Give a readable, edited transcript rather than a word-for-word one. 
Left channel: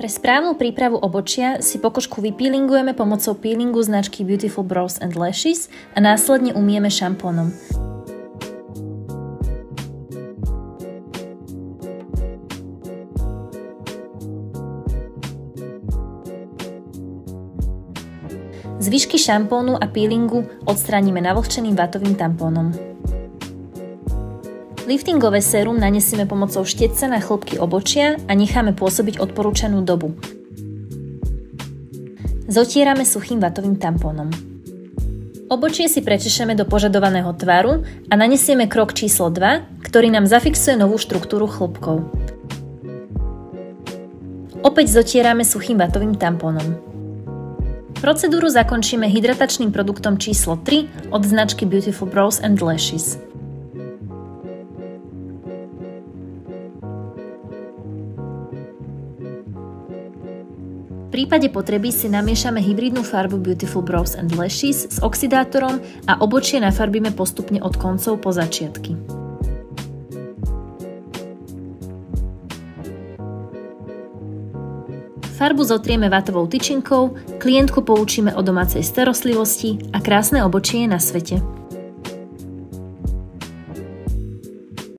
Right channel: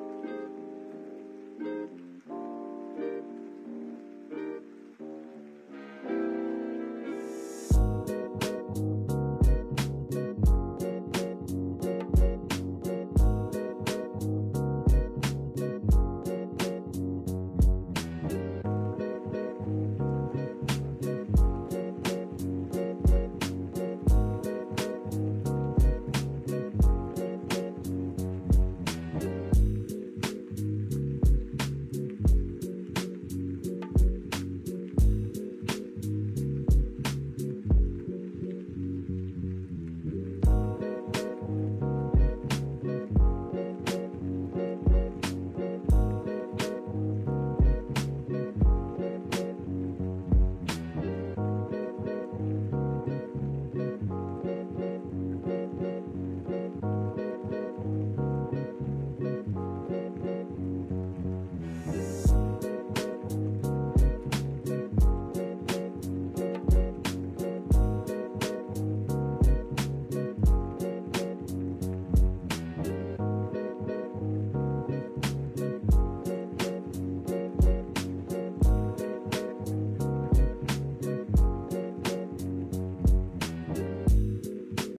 Pre správnu prípravu obočia si pokožku vypeelingujeme pomocou peelingu značky Beautiful Brows and Lashes a následne umieme šampónom. Zvyšky šampónu a peelingu odstránime navlhčeným vatovým tampónom. Liftingové sérum nanesieme pomocou štedca na chlopky obočia a necháme pôsobiť odporúčanú dobu. Zotierame suchým vatovým tampónom. Obočie si prečešeme do požadovaného tvaru a nanesieme krok číslo 2, ktorý nám zafixuje novú štruktúru chlopkov. Opäť zotierame suchým vatovým tampónom. Procedúru zakončíme hydratačným produktom číslo 3 od značky Beautiful Brows and Lashes. V prípade potreby si namiešame hybridnú farbu Beautiful Brows and Lashes s oxidátorom a obočie nafarbíme postupne od koncov po začiatky. Farbu zotrieme vatovou tyčinkou, klientku poučíme o domácej starostlivosti a krásne obočie je na svete.